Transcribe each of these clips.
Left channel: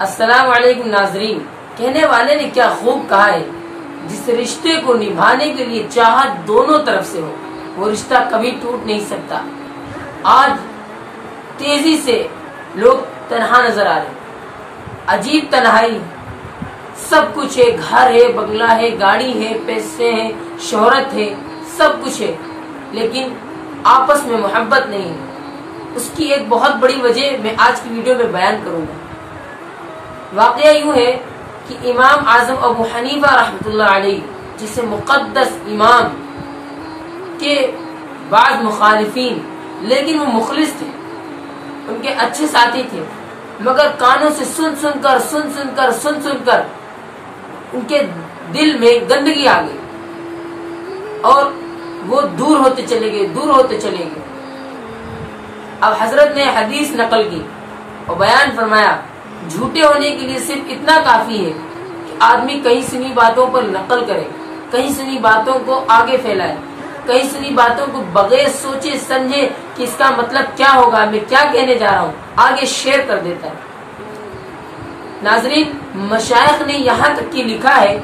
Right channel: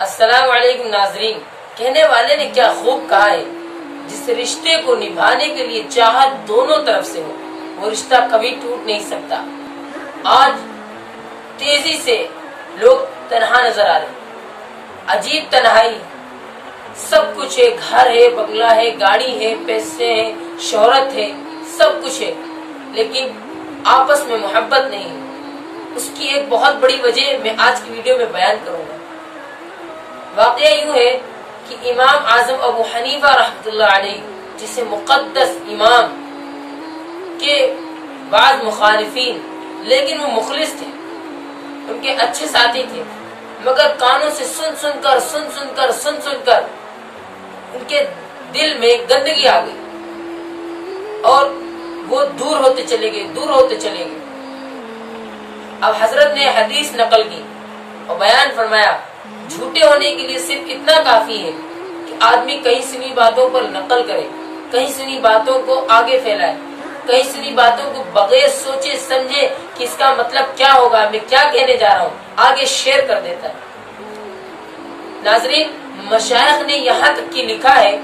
السلام علیکم ناظرین، کہنے والے نے کیا خوب کہا ہے، جس رشتے کو نبھانے کے لیے چاہت دونوں طرف سے ہو وہ رشتہ کبھی ٹوٹ نہیں سکتا۔ آج تیزی سے لوگ تنہا نظر آ رہے ہیں، عجیب تنہائی، سب کچھ ہے، گھر ہے، بنگلہ ہے، گاڑی ہے، پیسے ہیں، شہرت ہے، سب کچھ ہے، لیکن آپس میں محبت نہیں ہے۔ اس کی ایک بہت بڑی وجہ میں آج کی ویڈیو میں بیان کروں گا۔ واقعہ یوں ہے کہ امام اعظم ابو حنیفہ رحمۃ اللہ علیہ، جسے مقدس امام کے بعض مخالفین، لیکن وہ مخلص تھے، ان کے اچھے ساتھی تھے، مگر کانوں سے سن کر ان کے دل میں گندگی آ گئی اور وہ دور ہوتے چلے گئے۔ اب حضرت نے حدیث نقل کی اور بیان فرمایا، جھوٹے ہونے کے لیے صرف اتنا کافی ہے کہ آدمی کہیں سنی باتوں پر نقل کرے، کہیں سنی باتوں کو آگے پھیلائے، کہیں سنی باتوں کو بغیر سوچے سمجھے کہ اس کا مطلب کیا ہوگا، میں کیا کہنے جا رہا ہوں، آگے شیئر کر دیتا ہے۔ ناظرین، مشائخ نے یہاں تک کی لکھا ہے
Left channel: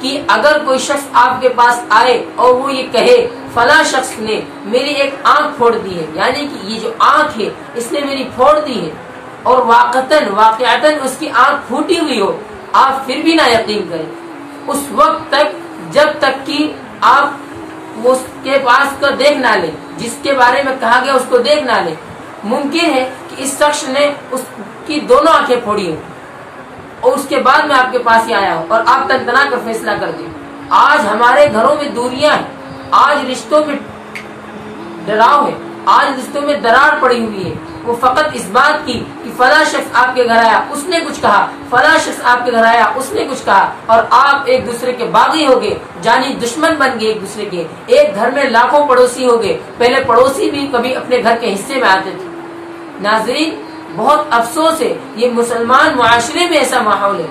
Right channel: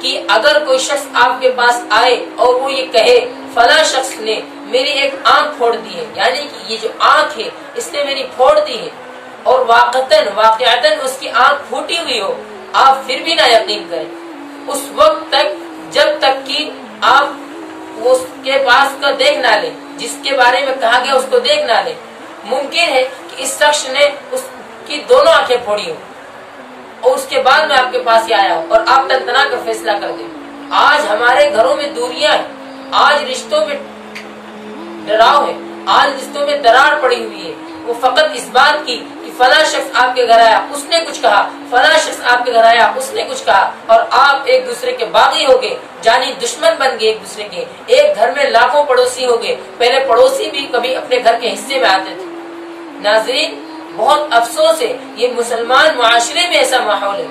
کہ اگر کوئی شخص آپ کے پاس آئے اور وہ یہ کہے فلاں شخص نے میری ایک آنکھ پھوڑ دی ہے، یعنی کہ یہ جو آنکھ ہے اس نے میری پھوڑ دی ہے، اور واقعتاً اس کی آنکھ پھوٹی ہوئی ہو، آپ پھر بھی نہ یقین کریں اس وقت تک جب تک کہ آپ اس کے پاس کا دیکھ نہ لیں، جس کے بارے میں کہا گیا اس کو دیکھ نہ لیں۔ ممکن ہے کہ اس شخص نے اس کی دونوں آنکھیں پھوڑی ہو اور اس کے بعد میں آپ کے پاس ہی آیا ہو اور آپ تنتنا کر فیصلہ کر دیں۔ آج ہمارے گھروں میں دوریاں ہیں، آج رشتوں میں ڈراؤ ہے، آج رشتوں میں دراڑ پڑی ہوئی ہے، وہ فقط اس بات کی کہ فلاں شخص آپ کے گھر آیا اس نے کچھ کہا، فلاں شخص آپ کے گھر آیا اس نے کچھ کہا، اور آپ ایک دوسرے کے باغی ہو گئے، جانی دشمن بن گئے ایک دوسرے کے۔ ایک گھر میں لاکھوں پڑوسی ہو گئے، پہلے پڑوسی بھی کبھی اپنے گھر کے حصے میں آتے تھے۔ ناظرین، بہت افسوس ہے، یہ مسلمان معاشرے میں ایسا ماحول ہے،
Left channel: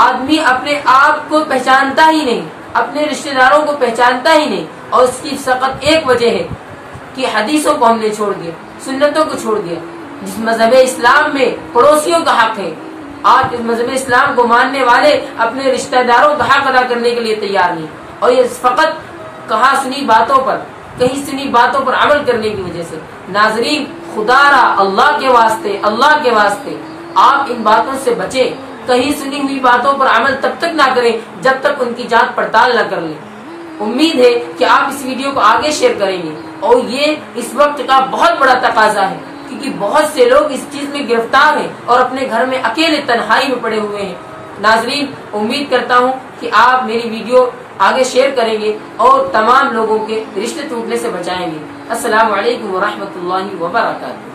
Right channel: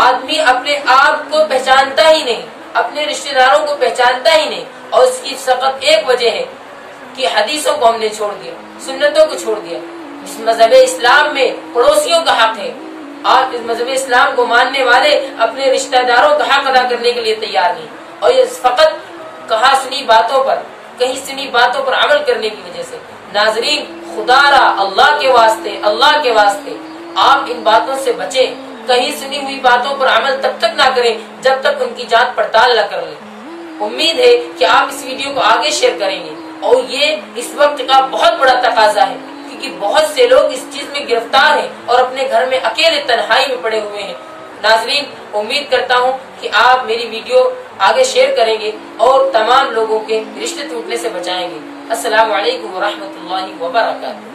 آدمی اپنے آپ کو پہچانتا ہی نہیں، اپنے رشتہ داروں کو پہچانتا ہی نہیں، اور اس کی فقط ایک وجہ ہے کہ حدیثوں کو ہم نے چھوڑ دیا، سنتوں کو چھوڑ دیا۔ جس مذہب اسلام میں پڑوسیوں کا حق ہے، آج اس مذہب اسلام کو ماننے والے اپنے رشتہ داروں کا حق ادا کرنے کے لیے تیار نہیں، اور یہ فقط کہا سنی باتوں پر، کہیں سنی باتوں پر عمل کرنے کی وجہ سے۔ ناظرین، خدا را اللہ کے واسطے آپ ان باتوں سے بچیں، کہیں سنی ہوئی باتوں پر عمل تب تک نہ کریں جب تک ان کی جانچ پڑتال نہ کر لیں۔ امید ہے کہ آپ اس ویڈیو کو آگے شیئر کریں گے، اور یہ اس وقت کا بہت بڑا تقاضا ہے، کیونکہ بہت سے لوگ اس چیز میں گرفتار ہیں اور اپنے گھر میں اکیلے تنہائی میں پڑے ہوئے ہیں۔ ناظرین، امید کرتا ہوں کہ آپ میری ویڈیو آگے شیئر کریں گے اور تمام لوگوں کے رشتے ٹوٹنے سے بچائیں گے۔ السلام علیکم ورحمۃ اللہ وبرکاتہ۔